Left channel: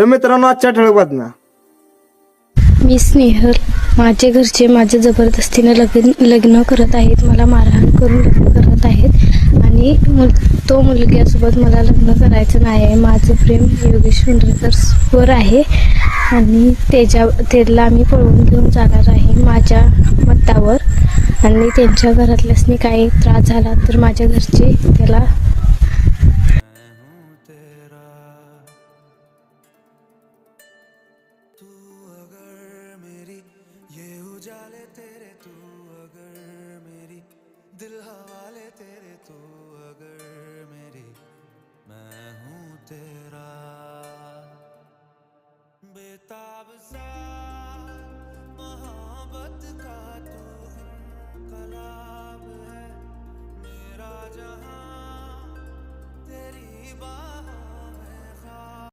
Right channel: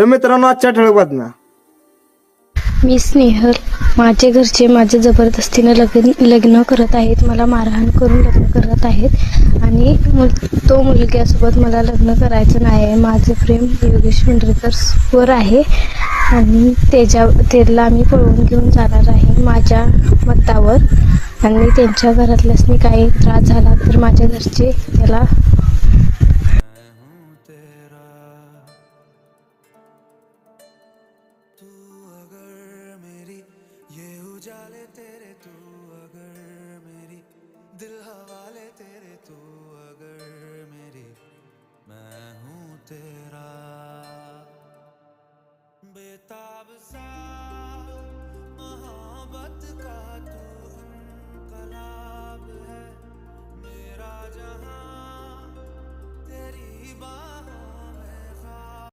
तर मित्रांनो, आजच्या ठळक बातम्या. मी स्नेहल. माझे घरचे माझे जबरदस्तीने लग्न करत आहेत. मला मारहाण करून लग्न करत आहेत आणि तो मुलग्यासोबत मला लग्न करायचं नाही आहे. माझं प्रेम योगेश इंद्रकरवर आहे आणि त्याला मी पळवून घेऊन जाणार आहे माझ्या मतावर. आणि त्यांच्या घरातल्यासनी काही त्रास झाला तर माझ्या घरचे त्याला तू